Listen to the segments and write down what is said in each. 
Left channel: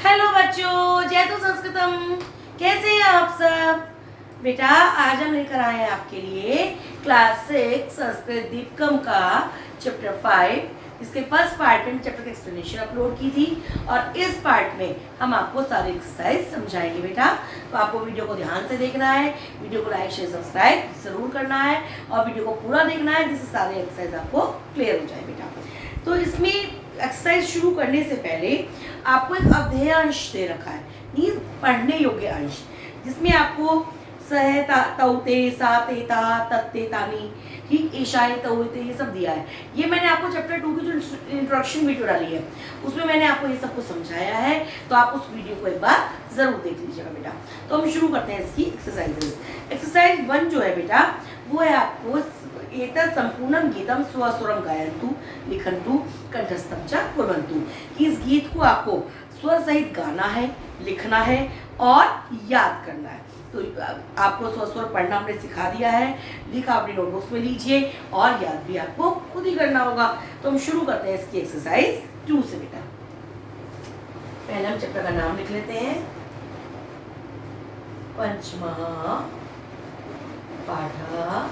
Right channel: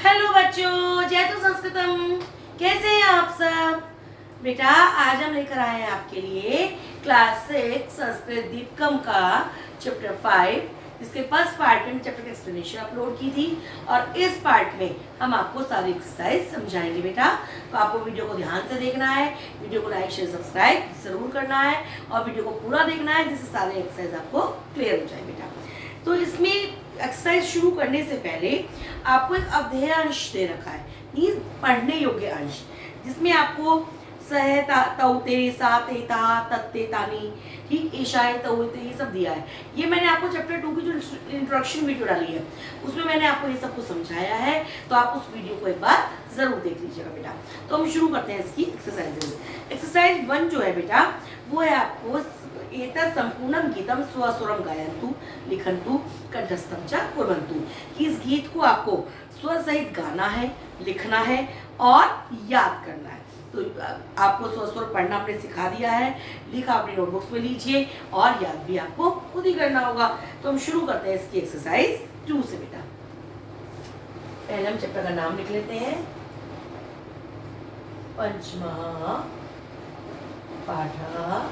Hello बच्चों, जय तो संस्कृतम। कैसे हैं आप सब? बेटा आज हम लेकर आए हैं आपके लिए क्लास 6 संस्कृत दीपकम का चैप्टर 5, जिसके फर्स्ट पार्ट में चैप्टर की एक्सप्लेनेशन अपलोड की थी और इस पार्ट में हम आपको सारी एक्सरसाइज समझाएंगे। बेटा तो आपको वीडियो को ध्यान से देखना है, वीडियो को लाइक शेयर सब्सक्राइब जरूर करना है और वीडियो को पूरा देखना है जिससे सारी एक्सरसाइज आपको क्लियर हो जाए। बेटा तो इसमें एक्सरसाइज शुरू करने से पहले आपको एक अवधेय अंश दे रखा है, मीन्स पढ़ने योग्य अंश, जिसमें आपको सह तौते साते ता तत्ते तानी, ठीक, ईशाए तौते, ये सब दिया है। ये मैंने आपको चैप्टर 2 की जो इंट्रोडक्शन वीडियो डाली है उसमें मैंने आपको ये सब कुछ समझाया है, तो आप उस वीडियो को एक बार जरूर देख लीजिएगा। बेटा तो हम शुरू करते हैं इसकी एक्सरसाइजेस। एक्सरसाइज 1 जो है बेटा वो है आपको एतत् संपूर्णम गीतम स्वस्वरम गायन्तु लिखन्तु कंठस्थम च कुर्वन्तु, कि इस गीत को आपको स्वर सहित गाना है, लिखना है और याद करना है। तो आपको स्वर पढ़ना हमने सिखा दिया है, लिखा अपनी नोटबुक्स में लीजिए और याद भी आपको खुद ही करना होगा। तो हम शुरू करते हैं इसकी एक्सरसाइज 2 से। बेटा पहले हम चैप्टर का नाम लिख लेते हैं, पंचमः पाठः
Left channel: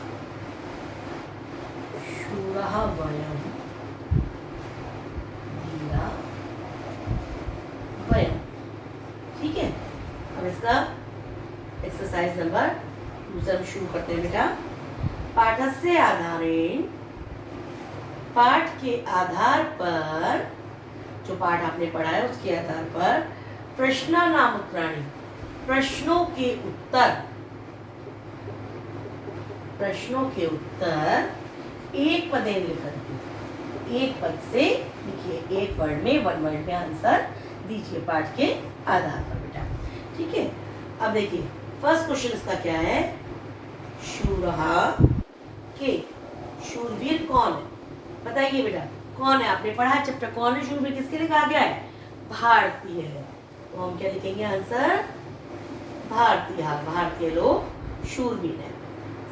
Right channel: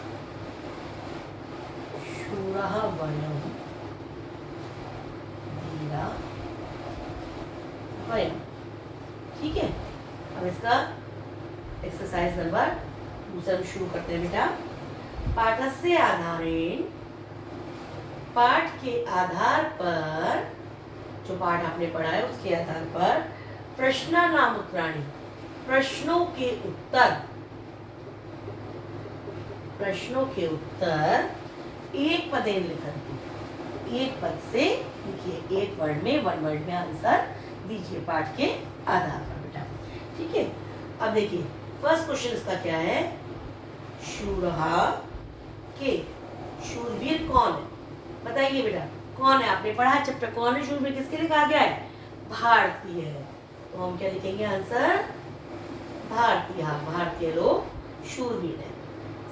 शूरः वयम् धीरा वयम्। ठीक है, अब इसका एक्सरसाइज नंबर 2 से हम शुरू करते हैं। बेटा पाठस्य आधारेण, पाठ के आधार पर, जो पाठ आपने पढ़ा है उसके आधार पर प्रश्नानाम उत्तराणि, प्रश्नों के उत्तर, प्रश्नों के उत्तर एक पदेन लिखन्तु, एक पद से लिखिए, एक वर्ड में, वन वर्ड में आंसर दीजिए पाठ के आधार पर। बेटा ठीक है, अब देखिए फर्स्ट क्वेश्चन इसका क्या है, शूरः के, शूरवीर कौन है बताइए। बेटा कौन है, आपने पढ़ा चैप्टर, कौन है शूरवीर, किसके लिए कहा गया है, भारतीय है। तो हम क्या लिखेंगे आंसर, भारतीय, भारतीय लोग शूरवीर है।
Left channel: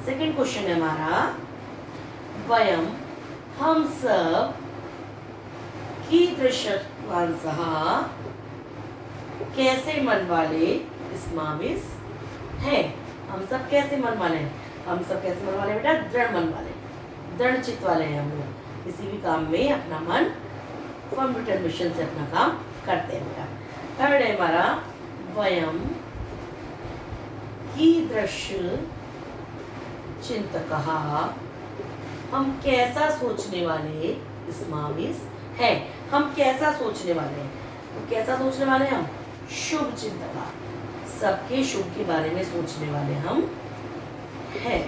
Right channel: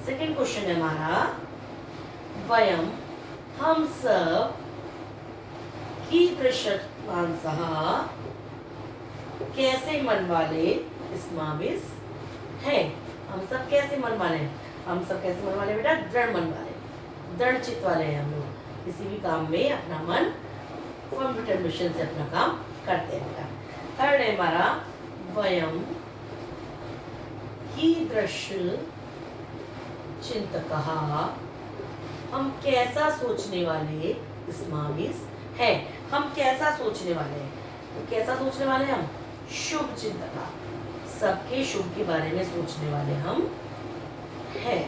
सेकंड क्वेश्चन है हमारा, वयम हम सब कीदृशवांसः कैसे मन वाले स्माविस है, हम सब कैसे मन वाले हैं, हम सब कैसे मन वाले बेटा, दृढ़ मन वाले, दृढ़ चित्त वाले हैं हम लोग, किसी भी काम में अपना मन फर्म डिटरमिनेशन से अपना काम करते हैं। बेटा थर्ड है हमारा, वयम कीदृश चिंतकः, हम कैसा सोचने वाले स्माविस है, हम कैसा सोचने वाले हैं, तो कैसा सोचने वाले हैं हम, शुभ चिंतक, सबके शुभ के बारे में सोचने वाले हम हैं।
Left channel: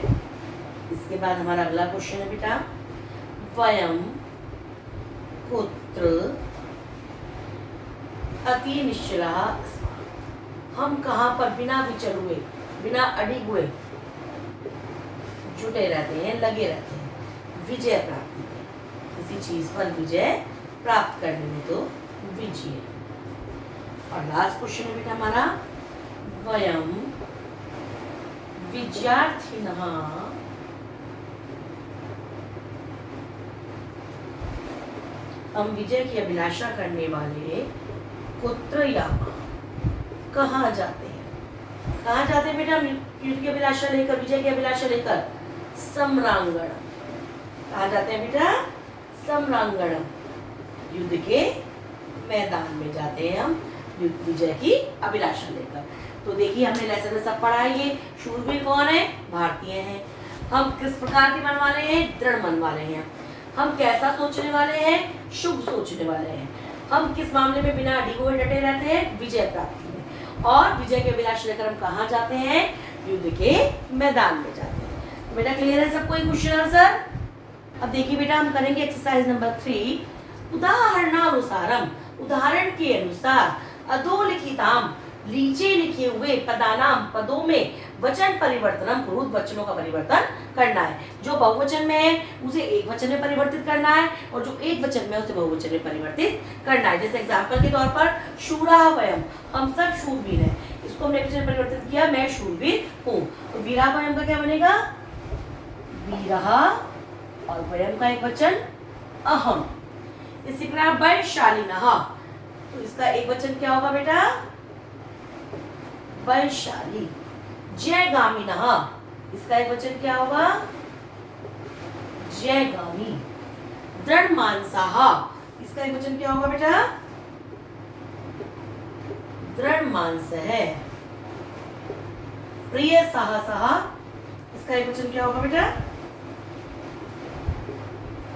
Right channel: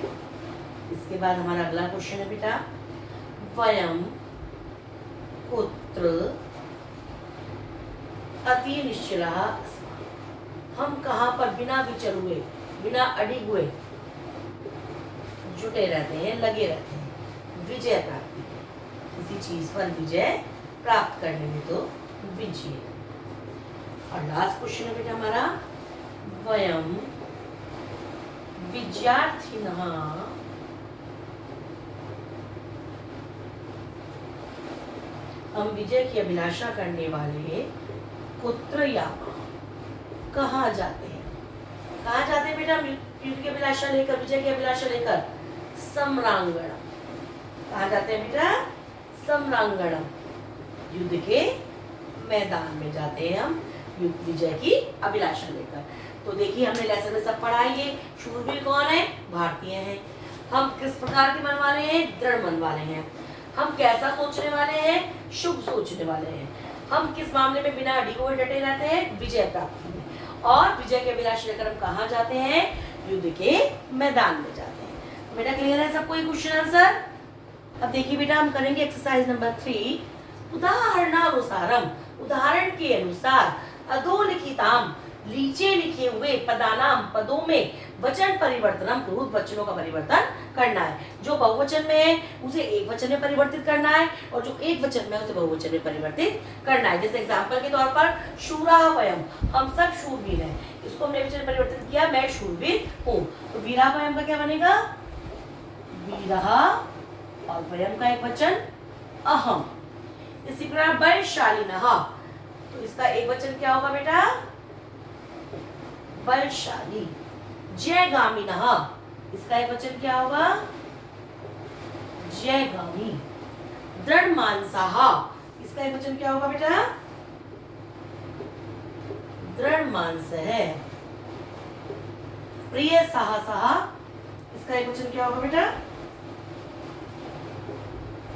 इसके बाद हमारा अगला क्वेश्चन है बेटा, वयम कुत्र अति निश्चलः, हम कहाँ पर बिना विचल हुए, बिना अडिग हुए जुटे रहते हैं, लगे रहते हैं विजय प्राप्ति में, किसी चीज पर विजय प्राप्त करने में तो विजय। और लास्ट क्वेश्चन है बेटा हमारा, वयम विद्यार्थिनः हम विजय की अभिलाषा करने वाले कुत्र यामा, कहाँ जाते हैं, कहाँ जाते हैं बेटा युद्ध की अभिलाषा लेकर, विजय की अभिलाषा लेकर, सम्रांगण, कहाँ जाते हैं बेटा, सम्रांगण, युद्ध के मैदान में जाते हैं हम विजय की अभिलाषा लेकर। तो देखिए हमने लेसन में सब पढ़ा है, ये शूरवीर कौन है, भारतीय हैं, हम किस प्रकार के मन वाले हैं, दृढ़ मन वाले हैं, हम कैसा सोचने वाले हैं, शुभ सोचने वाले हैं, हम किस मामले में बिना अडिगे हुए डटे रहते हैं, विजय प्राप्ति में, और विजय के अभिलाषा लेकर हम कहाँ जाते हैं, युद्ध के मैदान में जाते हैं। बेटा क्लियर है सबको ये क्वेश्चन आंसर। अब देखिए बेटा हम करेंगे एक्सरसाइज नंबर 3, उदाहरणानुसारम, उदाहरण के अनुसार, अधोलिखिताम, नीचे लिखे हुए पदानाम, पदों में वचन परिवर्तनम कुरुत, वचनों का परिवर्तन करना है, जो बहुवचन में है उसे एक वचन में परिवर्तित करना है और जो एक वचन में है उसे बहुवचन में परिवर्तित करना है। जैसे एग्जांपल के तौर पर शूरः वयम, हम सब शूरवीर हैं, इसको हमने वचन परिवर्तित किया, मैं शूरवीर हूँ, तो वीरः वयम का क्या बनेगा, वीरः, और वयम का एक वचन अहम। इसी प्रकार वैशालिनः, तो तो इसका एक वचन क्या होगा बेटा? बलशाली। जयगामिनः, इसका एक वचन क्या होगा? जयगामी। दृढ़मानसाः, इसका एक वचन क्या होगा बेटा? दृढ़मांसः। प्रिय साहसः, इसका एक वचन क्या होगा बेटा?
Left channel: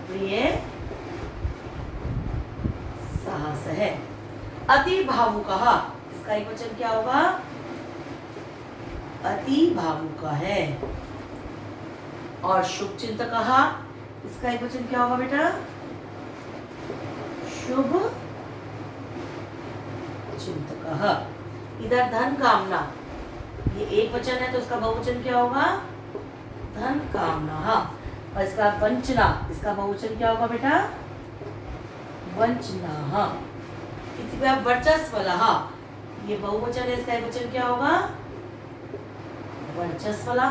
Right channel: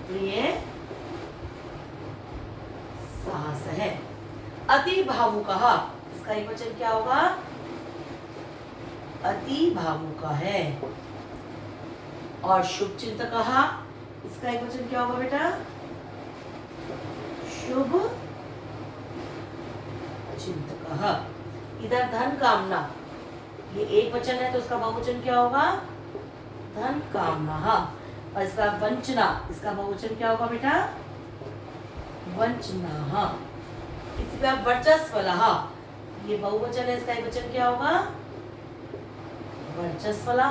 प्रिय साहसः। अति भावुकः, इसका एक वचन क्या होगा? अति भावुक है। और शुभ चिंतकः, इसका एक वचन क्या होगा बेटा? शुभ चिंतकः। इधर धन कामना, ये एक वचन है तो उसका बहुवचन क्या होगा? धन कामना। और इसका वंचना, इसका बहुवचन क्या होगा बेटा? वंचना। इसी पे आप वर्चस्वलः, ये बहुवचन है, इसका एक वचन क्या होगा? वर्चस्वला।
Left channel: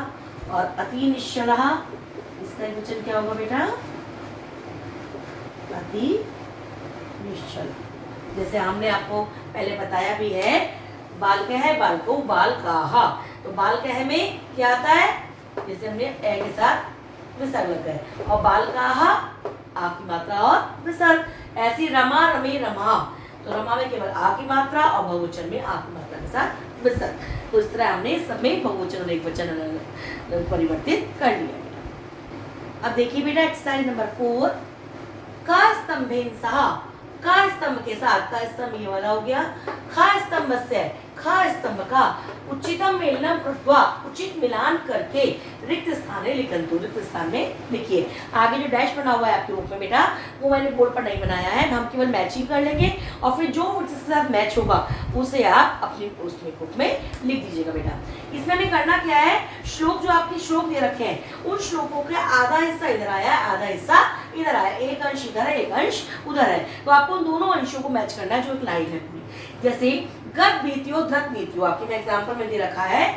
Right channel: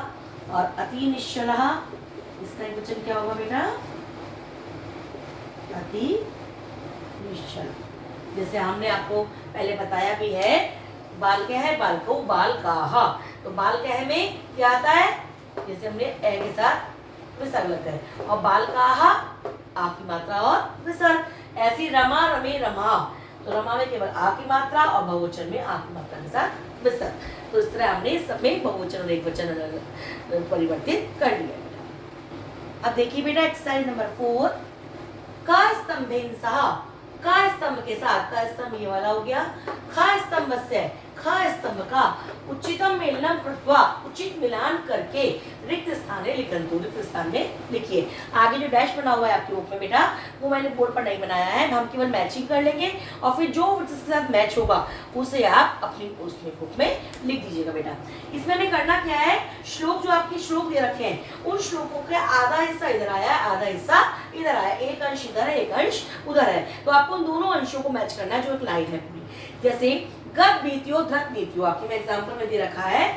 और अति निश्चलः, इसका एक वचन क्या होगा बेटा? अति निश्चल। जैसे हमने आपको पहले बताया भी है, बाल क्या है? बाल को बाल काहा। तो बाल कह में क्या आता है? जैसे हमने ए के साथ विसर्ग लगा है, और बाल काहा आ की मात्रा और विसर्ग। ऐसी रमा रमे रमा, तो रमा में केवल आ की मात्रा और बहुवचन में आ की मात्रा के साथ विसर्ग। तो इस तरह हमने सब में बहुवचन और एकवचन परिवर्तित कर लिया। अब देखिए बेटा एक्सरसाइज नंबर 4, का स्तंभेन सह, का स्तंभ के साथ, का स्तंभ ये वाला हो गया, खा स्तंभ से, खा स्तंभ का उचितम मेलनम कृत्वा, उचित मिलान करके रिक्त स्थाने लिखन्तु, रिक्त स्थान में लिखिए। आगे जो डैश बना हुआ है आपके बुक में बेटा, वो मैंने बोर्ड पर नहीं बनाया है, हम केवल मैचिंग कर लेंगे और फिर जो जिसके साथ मैच होगा उसे आप अपनी उसमें बुक में लिख दीजिएगा बेटा। इसमें हमें करना क्या है? श्लोक जो आपके श्लोक दे रखे हैं, उन श्लोकों का आधा हिस्सा इधर आया, आधा हिस्सा इधर आया, एक अंश इधर है, एक अंश उधर है, तो आपको उन दोनों अंशों को मैच करना है जो एक लाइन है पूरी। जैसे गत बीतियो धृत नीतियो, आपके में एग्जाम्पल में दे रखा है,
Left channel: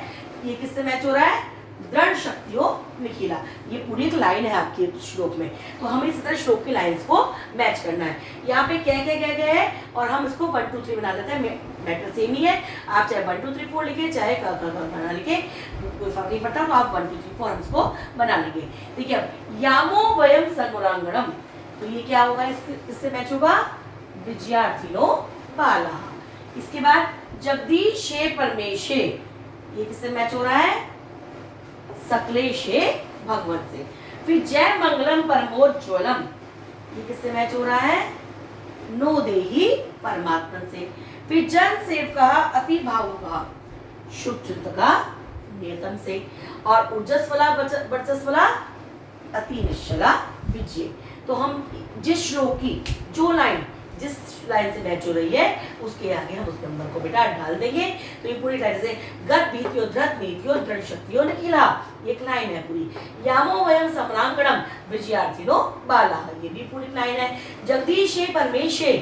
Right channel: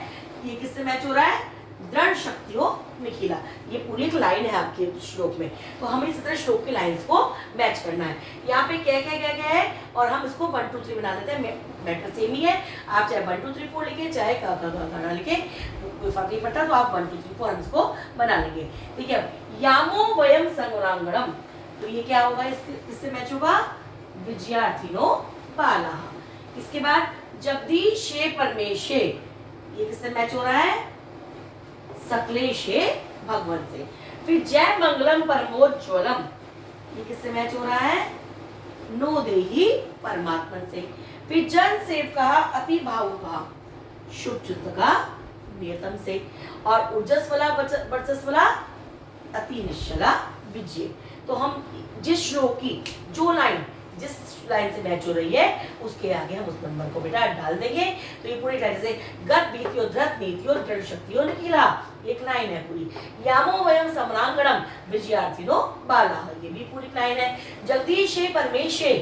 ये किससे मैच हो रहा है? दृढ़ शक्तियों निखिला, ये पूरी एक लाइन है आपके श्लोक में, तो हमें इस तरह श्लोक की लाइंस को मैच करना है। यहाँ पे क्या क्या क्या क्या है और हम इसको 1 2 3 बना देते हैं, मैटर सेम ही है। आप चाहे 1 2 3 4 लिखे, चाहे गाना लिखे, कोई फर्क नहीं पड़ता, तो आप 1 2 3 4 हम इसको बना लेंगे। ठीक है, यामो वयम सगुणांगणम, तो ये क्या होगा? इससे मैच होगा विजयार्थिनो बाला। इसके बाद जगदीशे परमेशे, ये किससे मैच हो रहा है? सकलेशे भगवत से। फिर जय मंगलम परमोज्वलम, ये किससे मैच हो रहा है? नो देही परमात्मा से। फिर जन सेवका अति भावुका, शुभ चिंतका नियतम से। और ऊर्जस्वला वर्चस्वला अति निश्चला विजय। तो हम जिस श्लोक की जो लाइन जिस लाइन से मैच हो रही है उसके आगे हम उस नंबर को बेटा डाल देंगे। तो ये पूरी लाइन से गत बीतियो धृत नीतियो दृढ़ शक्तियों निखिला, एक लाइन है पूरी। यामो वयम समरांगणम विजयार्थिनो बाला, ये भी पूरी लाइन है। जगदीशे परमेशे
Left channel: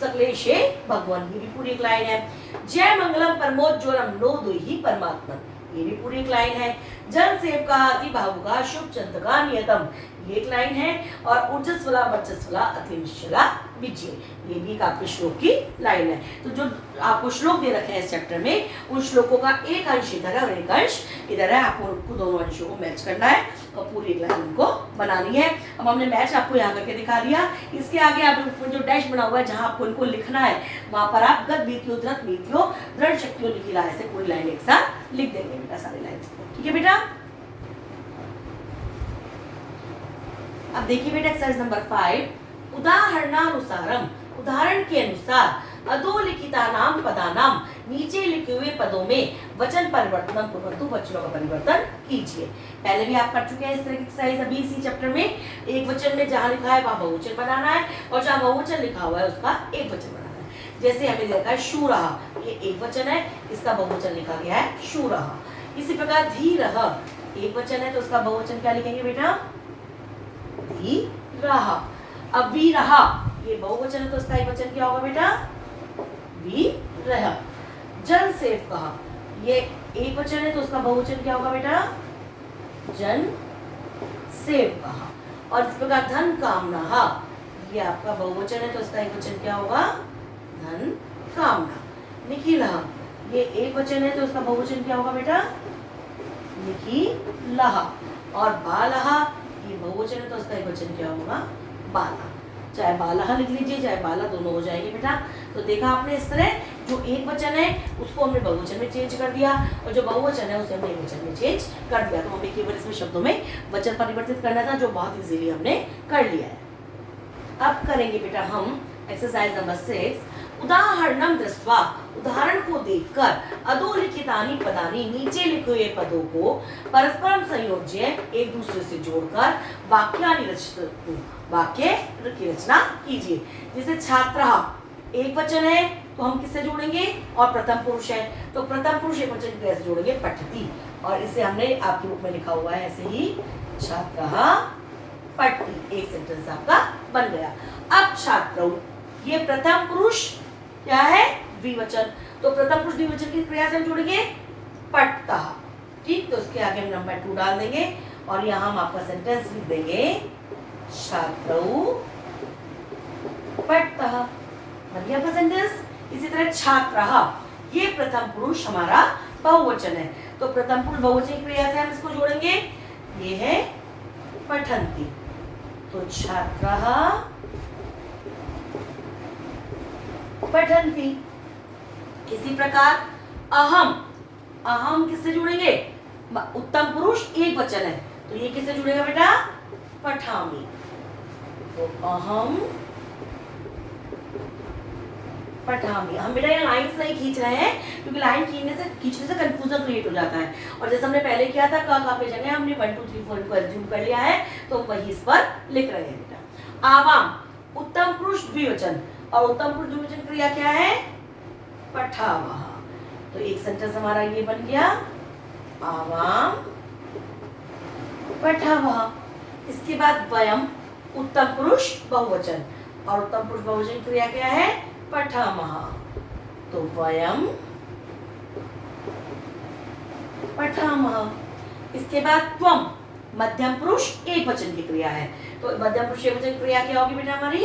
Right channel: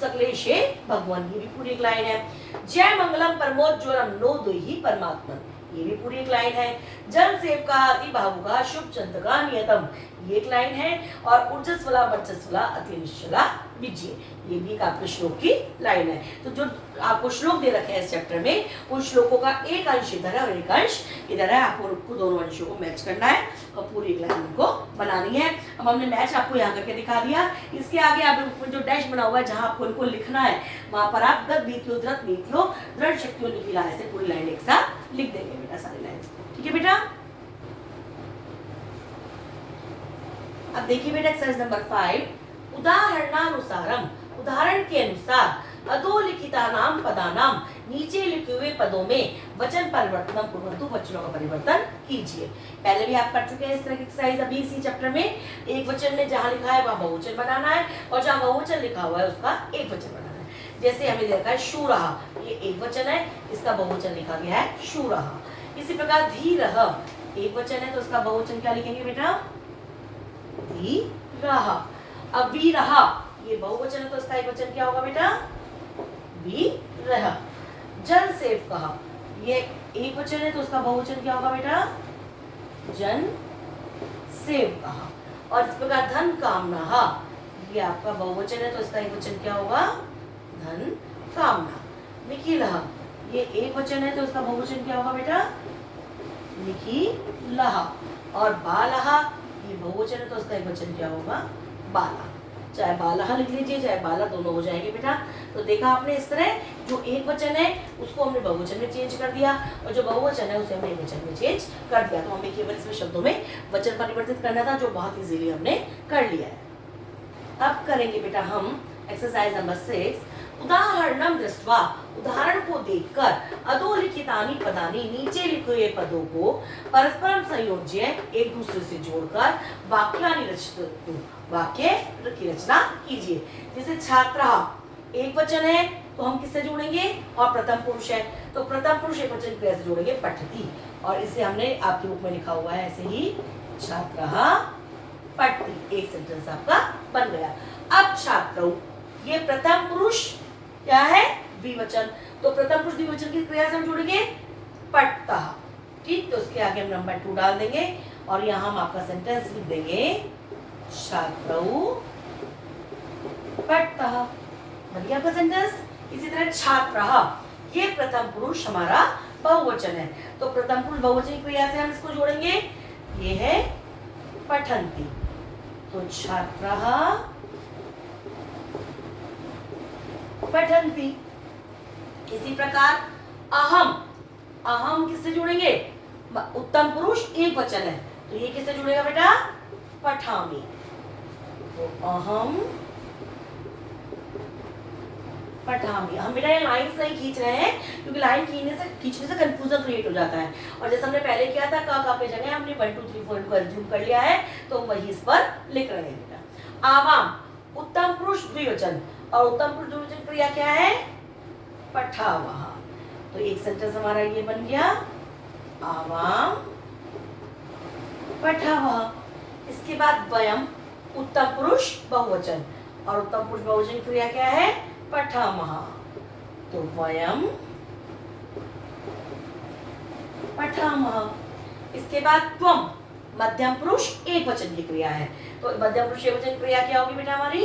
सकलेशे भगवान, ये भी पूरी एक लाइन है। जय मंगलम परमोज्वलम नो दुहि परमात्मा, ये भी पूरी एक लाइन है। जन सेवका अति भावुका शुभ चंतका नियतम, ये एक लाइन है। और ऊर्जस्वला वर्चस्वला अति निश्चला विजय, ये भी एक आपके श्लोक की लाइन है। तो जो आपको श्लोक दे रखे हैं इस चैप्टर में, उन श्लोकों का एक अंश इधर है और एक अंश इधर है, आपको दोनों अंशों को मैच करना है और पूरी एक लाइन उनको बनानी है। अब हमने मैच आपको यहाँ करके दिखा दिया। इसके आगे आप जो डैश बना हुआ है जहाँ आपको इनको लिखना है, वहां पर आप गत बीतियो धृत नीतियो दृढ़ शक्तियों निखिला, ऐसे पूरी लाइन एक साथ लिख देंगे बेटा, सारी लाइन को। ठीक है बेटा। अब देखिए बेटा एक्सरसाइज नंबर 5, उदाहरणानुसारम, उदाहरण के अनुसार अधोलिखिता नाम पदानाम, नीचे लिखे हुए पदों में वचन परिवर्तन कुर्वन्तु, वचनों का परिवर्तन कीजिए। पहले भी आप कर चुके हैं इस तरह की एक्सरसाइज अभी इसी चैप्टर में। एक वचन में जहां लिखा है वहां बहुवचन बनाना है और जहां बहुवचन लिखा हुआ है उसका एक वचन बनाना है। जैसे हमें देखा है शूरः, ये एक वचन है, इसका बहुवचन लिखा गया है शूरः। इसी प्रकार धीरः, एक वचन है तो उसका बहुवचन क्या लिखेंगे बेटा? धीरः। अब वीरः, ये बहुवचन है तो इसका एक वचन क्या होगा बेटा? वीरः। जन सेवकः, ये एक वचन है तो उसका बहुवचन क्या होगा बेटा? जन सेवकः। और इस प्रकार धन कामनाः, ये आपका बहुवचन है तो इसका एक वचन क्या होगा? धन कामना। निखिलः, ये एक वचन है तो उसका बहुवचन क्या होगा बेटा? निखिलः। और बालः, ये बहुवचन है तो उसका एक वचन क्या होगा? बाला। चाहे बालः लिख लीजिए चाहे बाला, दोनों हो जाएंगे बेटा। तो देखा आपने, इस तरह जो एक वचन है उसको हमने बहुवचन में चेंज कर दिया और जो बहुवचन है उसे हमने एक वचन में चेंज कर दिया। तो हमें केवल इसमें शब्दों में वचन परिवर्तित करना था, जो बहुत इजीली हमने कर लिया है। अब करेंगे बेटा हम एक्सरसाइज नंबर 6। उदाहरणम दृष्ट्वा, उदाहरण को देखकर, अधोलिखितानि पदानि, नीचे लिखे हुए पदों को परस्पर संयोज्य, एक दूसरे से जोड़कर वाक्यानि रचतु, वाक्य की रचना कीजिए। जैसे छात्रः एक वचन है तो हम किससे जोड़ेंगे? और प्रथम पुरुष है तो प्रथम पुरुष एक वचन क्रिया से जोड़ेंगे, पठति। और इसे हमने आपकी बुक में लिखा हुआ है ऐसे ही, छात्रः पठति। एक सेंटेंस आपका बन गया। अब छात्रौ, ये प्रथम पुरुष क्या है? द्विवचन। तो प्रथम पुरुष द्विवचन की क्रिया से हम जोड़ेंगे पठतः। ठीक, तो उसके आगे हम नंबर 2 डाल देंगे और यहाँ हम आपका सेंटेंस लिख देंगे, छात्रौ पठतः। बन गया आपका सेंटेंस। इसी तरह छात्रः, ये प्रथम पुरुष हमारा बहुवचन है तो प्रथम पुरुष बहुवचन की क्रिया से हम इसको जोड़ेंगे, ये है पठन्ति। तो छात्रः पठन्ति। इसी प्रकार अहम, अहम किससे जोड़ेंगे? उत्तम पुरुष एक वचन है तो ये किससे जुड़ेगा बेटा? पठामि। तो अहम पठामि। हम बेटा ये लाइंस नहीं खींच रहे हैं क्योंकि लाइन खींचने से कंफ्यूजन क्रिएट हो जाता है। और जैसे हमने पहले किया था का पे जगह हमने 1 2 3 4 को एज्यूम कर लिया है तो हम वही इस पर लिख रहे हैं बेटा। आवाम, उत्तम पुरुष द्विवचन और उत्तम पुरुष द्विवचन क्रिया क्या है? पठावः। तो एक सेंटेंस हमारा ये बन गया, आवाम पठावः। इसके बाद वयम, उत्तम पुरुष बहुवचन और उत्तम पुरुष बहुवचन क्रिया क्या है? पठामः। तो वयम पठामः। इसके बाद त्वम, मध्यम पुरुष एक वचन की क्रिया है तो मध्यम पुरुष एक वचन क्रिया क्या होगी बेटा हमारी?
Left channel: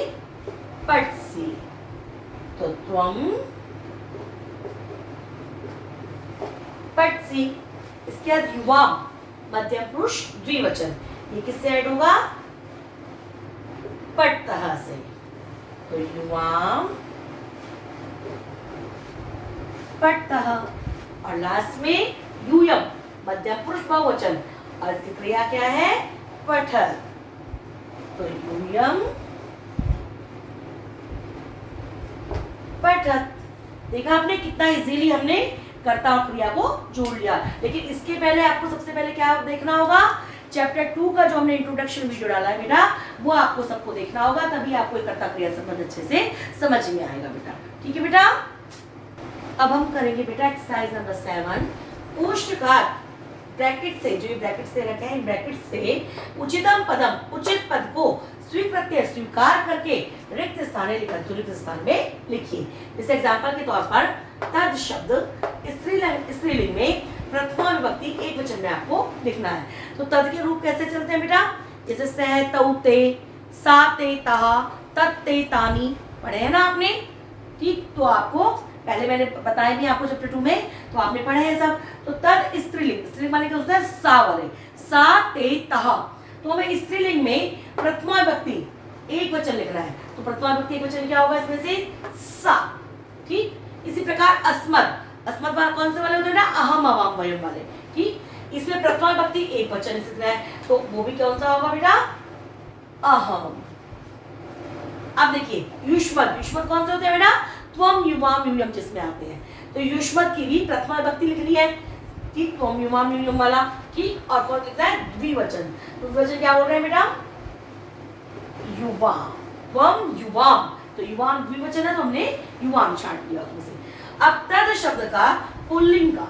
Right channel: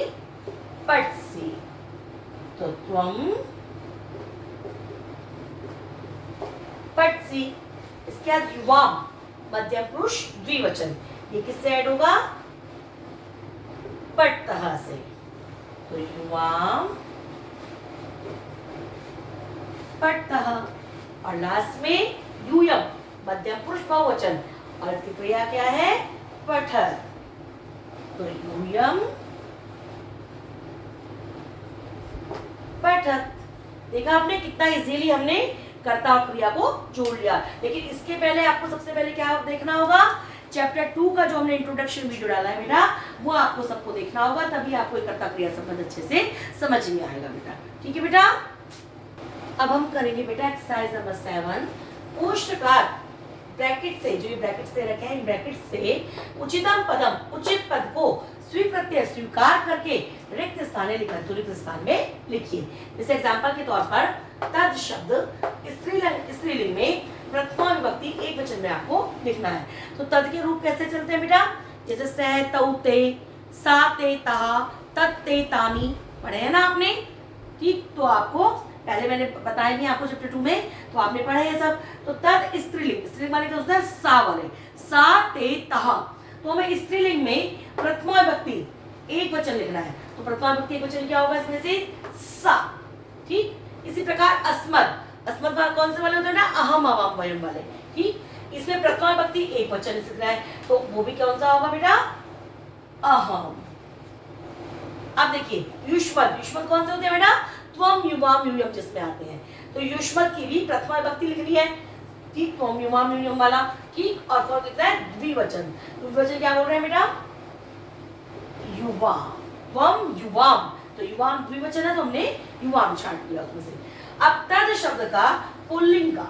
पठसि। तो त्वम पठसि। इसके बाद युवाम, मध्यम पुरुष द्विवचन, ये किससे ऐड होगा? पठतः से। तो युवाम पठतः। और लास्ट में यूयम, मध्यम पुरुष बहुवचन और इसकी क्रिया क्या है? पठत। तो यूयम पठत। देखा आपने कितना इजीली हमने कर्ता और क्रिया को जोड़ लिया। लेकिन इसके पहले आपको सबसे पहले क्या देखना होगा? चैप्टर 2 का जो हमने इंट्रोडक्शन वीडियो डाला है बेटा, वो आपको सबको देखना होगा, तभी आपको कर्ता क्रिया संबंध अच्छे से समझ में आएगा बेटा। ठीक है बेटा। अब हम करेंगे बेटा एक्सरसाइज नंबर 7। कोष्ठकार ब्रैकेट से, जो ये ब्रैकेट से रखे हैं, इन ब्रैकेट से उचितम पदम, उचित पद को स्वीकृत्य, स्वीकार करके रिक्त स्थाने लिखा, तो रिक्त स्थान में लिखिए। जैसे एग्जांपल के तौर पर तद शब्द स्त्रीलिंग में प्रथमा विभक्ति एक वचन में आपको लिखना है। तो तद के रूप कैसे चलते हैं बेटा? जैसे सह तौ ते, सा ते तहा, तत् ते तानि, पढ़े हैं ना आपने? ठीक, तो आपको पहले मैंने बताया भी आपको चैप्टर 2 में, तो आपने पढ़े हैं सब। तो तद स्त्रीलिंग, स्त्रीलिंग माने क्या होता है? सा वाले, सा ते तहा। तो हमें स्त्रीलिंग में प्रथमा विभक्ति एक वचन लिखना है तो प्रथमा विभक्ति एक वचन क्या होगा इसमें से? सा। ठीक, इसी प्रकार अस्मद, अस्मद कौन से वाले होते हैं ना? अहम अवाम वयम वाले। ठीक, इसमें प्रथमा विभक्ति एक वचन लिखना है तो वो भी कौन सा होगा बेटा? अहम। अब देखिए युष्मद, युष्मद कौन से होते हैं बेटा? त्वम युवाम यूयम जिसमें आते हैं। तो युष्मद की भी प्रथमा विभक्ति लिखनी है। ठीक, त्वम युवाम यूयम वाला। ठीक, और कौन लिखता है? द्विवचन। तो द्विवचन क्या बोल रहे हैं बेटा? युवाम, त्वम युवाम। तो युवाम द्विवचन है तो हमने युवाम छांट दिया उसमें से। अब तद शब्द का पुल्लिंग का,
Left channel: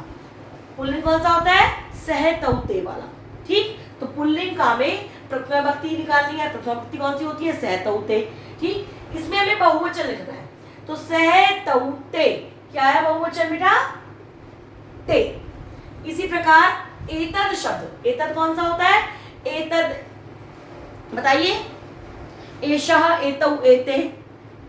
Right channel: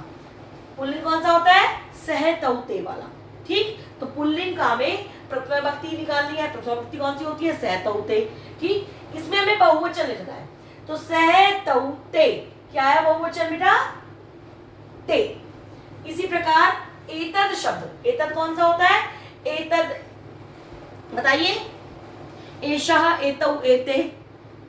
पुल्लिंग कौन सा होता है? सह तौ ते वाला। ठीक, तो पुल्लिंग का हमें प्रथमा विभक्ति निकालनी है। प्रथमा विभक्ति कौन सी होती है? सह तौ ते। ठीक, इसमें हमें बहुवचन लिखना है तो सह तौ ते क्या है बहुवचन बेटा? ते। इसी प्रकार एतद शब्द, एतद कौन सा होता है? एतद बताइए। एषः एतौ एते।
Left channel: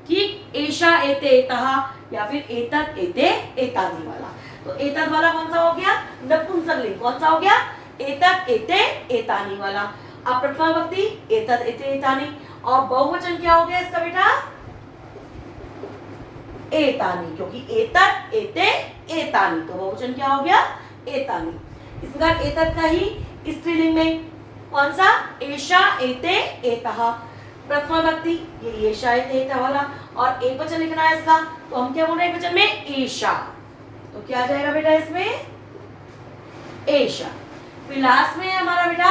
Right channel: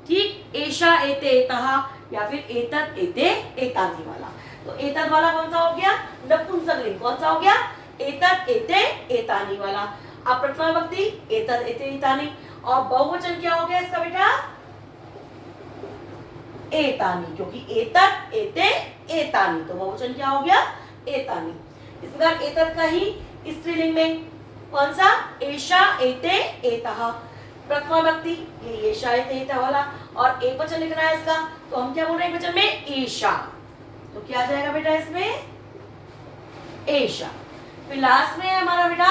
ठीक, एषा एते एतः, या फिर एतत् एते एतानि वाला। तो एतत् वाला कौन सा हो गया? नपुंसकलिंग। कौन सा हो गया? एतत् एते एतानि वाला। अब प्रथमा विभक्ति एतत् एते एतानि, और बहुवचन क्या हो गया इसका बेटा? एतानि, क्योंकि एतत् एते एतानि, तो बहुवचन क्या हो गया? एतानि। इस प्रकार एतत् का ही स्त्रीलिंग में कौन सा? एषा एते एतः। प्रथमा विभक्ति ये एषा एते एतः वाला, और एक वचन लिखना है इसका, तो हम क्या बोल रहे हैं एक वचन में? ईशा। तो क्या आ जाएगा बेटा इसमें? एषा। फिर लास्ट में हमारा बेटा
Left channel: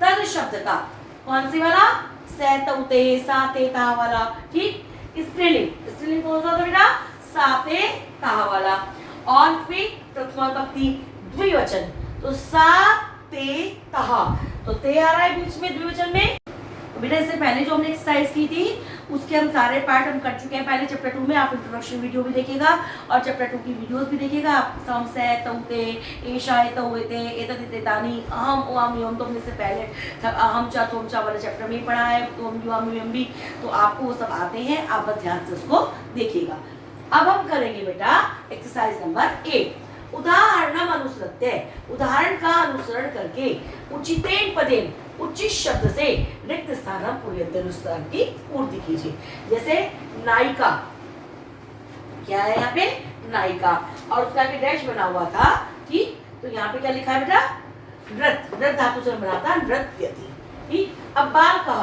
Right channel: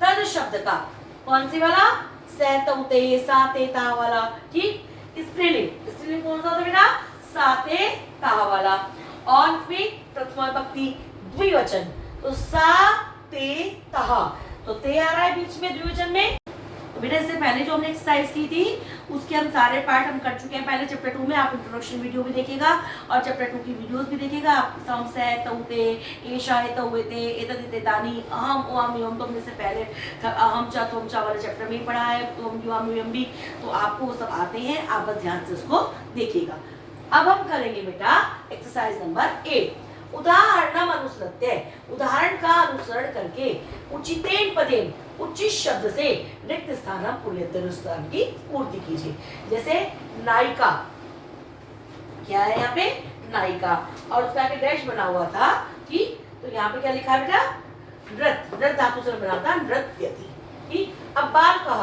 तद शब्द का कौन सी वाला? से तौ ते सा ते ता वाला। ठीक, स्त्रीलिंग। स्त्रीलिंग कौन सा होता है बेटा? सा ते ता वाला। और फिर प्रथमा विभक्ति द्विवचन, तो सा ते तः, तो ते आ रहा है बीच में द्विवचन में। तो बेटा इससे पहले जो हमने एक्सरसाइज की थी उसके हम सारे पार्ट हम कर चुके हैं पहले चैप्टर 2 में। आप इंट्रोडक्शन वीडियो भी देखिएगा और चैप्टर 2 की वीडियोस भी देखिएगा। आप सम से तौते एषा एतौते एतत् एतानि अहम ओम यम, तो हमने से पहले अहम चा तुम चा वाले चैप्टर में ही पढ़ा है, तो हम युम यम भी, तो आपको वो सब आते हैं, आप बस ध्यान से उसको देखिएगा। अब हम करेंगे बेटा एक्सरसाइज नंबर 8, उदाहरणम अनुसृत्य। उदाहरण का अनुसरण करके उचितेन पदेन उचित शब्द से रिक्त स्थानम पूर्यन्तरुस्थान की पूर्ति कीजिए। जैसे नायिका, क्या है यहाँ पे? नायिका, और उसका आगे डैश बना हुआ था। ठीक, तो यहाँ पे क्या लिखा है बेटा? नृत्य। नृत्य धातु से बना था नृत्यति। ठीक, अब बालकः,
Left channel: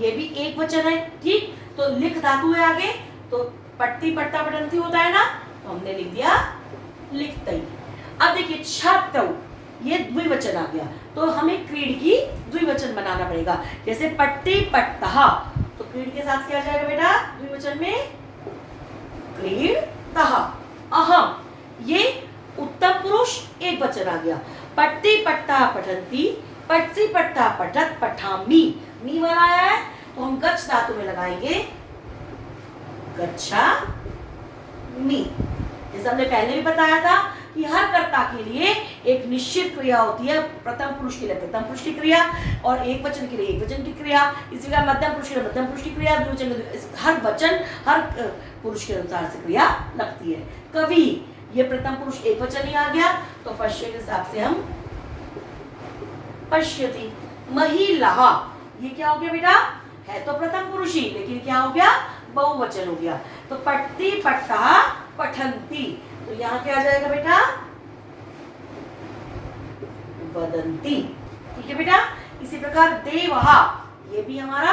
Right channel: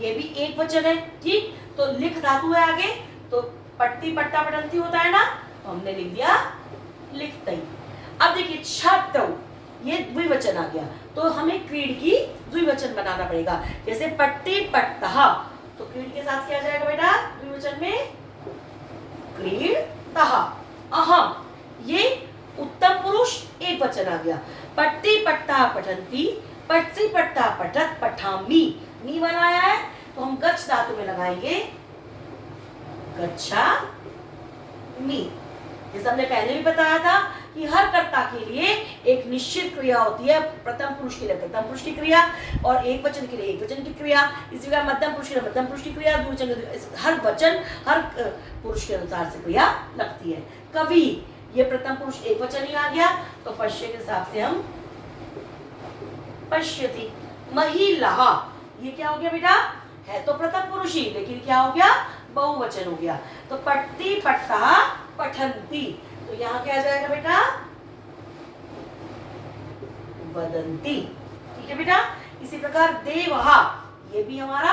ये भी एक वचन है। ठीक, तो लिख धातु है आगे, तो पट्टी पट्टा पठन्ति होता है ना, तो हमने लिख दिया लिखतई। अब देखिए छात्रौ, ये द्विवचन आ गया, तो हमें क्रीड की द्विवचन बनाना पड़ेगा। जैसे पट्टी पट्टः, तो क्रीड के साथ क्या आ जाएगा बेटा द्विवचन में? क्रीडतः। अहम, ये उत्तम पुरुष एक वचन आ गया। पट्टी पट्टा पठन्ति, पट्टी पट्टा पठत पठामि, मी वाला आया है, तो हम गच्छ धातु में लगाएंगे गच्छामि। जैसे हमने पहले भी बताया था कि हर कर्ता के लिए एक निश्चित क्रिया होती है। प्रथम पुरुष के लिए प्रथम पुरुष की क्रिया, और एक वचन के लिए एक वचन की क्रिया, इसी प्रकार मध्यम पुरुष के लिए मध्यम पुरुष की क्रिया, द्विवचन के हर वचन हर पुरुष के अनुसार से क्रिया लगती है। कवि, ये प्रथम पुरुष एक वचन ही आ गया, तो पश्य के हिसाब से हम पश्यति। महिला, ये क्या हो गया बेटा? है तो प्रथम पुरुष ही, लेकिन क्या हो गया? बहुवचन हो गया। तो पट्टी पट्टा पठन्ति, तो यहाँ क्या आ जाएगा बेटा? वदन्ति। ठीक है बेटा। इसी प्रकार देवः, ये भी हमारा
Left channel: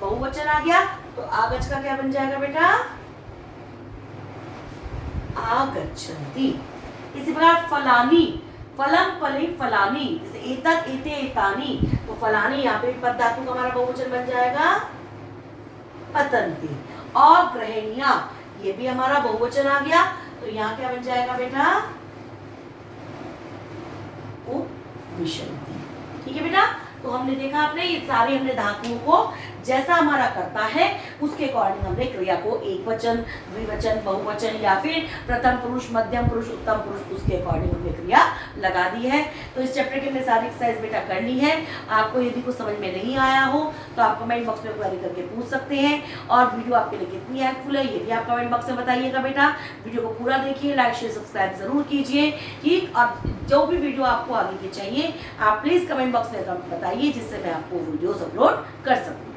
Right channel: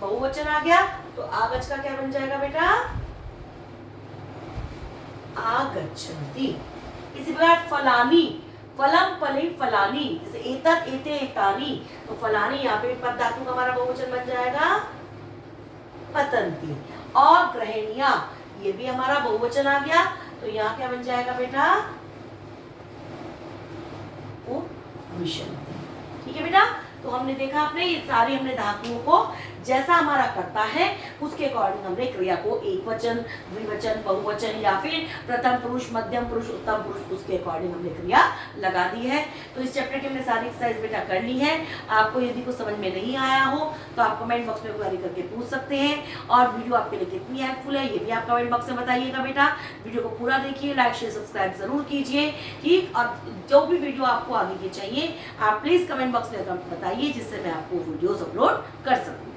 बहुवचन आ गया, तो आगच्छ का क्या बन जाएगा बेटा? आगच्छन्ति। इसी प्रकार फलानी, फलम फले फलानी, जैसे एतत् एते एतानि, तो फलानी यहाँ पे पद धातु का हमारा बहुवचन बन जाएगा पतन्ति। और गृहिणियां, ये भी हमारा बहुवचन आ गया, तो यहाँ क्या बन जाएगा बेटा? उपविशन्ति। ठीक है बेटा। तो हमने देखा आपने ये सारे हमने धातुओं को जैसा हमारा करता है उसके अकॉर्डिंग हमने क्रिया को एक वचन, द्विवचन, बहुवचन या फिर प्रथम पुरुष, मध्यम पुरुष, उत्तम पुरुष, उसके अकॉर्डिंग हमने क्रिया लगा दी है। तो इस चैप्टर की हमने सारी एक्सरसाइज बेटा कर ली है। आपको यदि कुछ समझ में नहीं आया हो तो आप कमेंट बॉक्स में क्वेरी करके पूछ सकते हैं, और वीडियो आपके लिए कितनी हेल्पफुल है ये भी आप कमेंट बॉक्स में बताइएगा बेटा। वीडियो को पूरा देखिए, लाइक शेयर सब्सक्राइब जरूर कीजिए। ठीक, और जो भी वीडियो आपको आगे की चाहिए आप प्लीज कमेंट बॉक्स में बताइए, जिससे मैं आपको वीडियोस अपलोड कर सकूँ।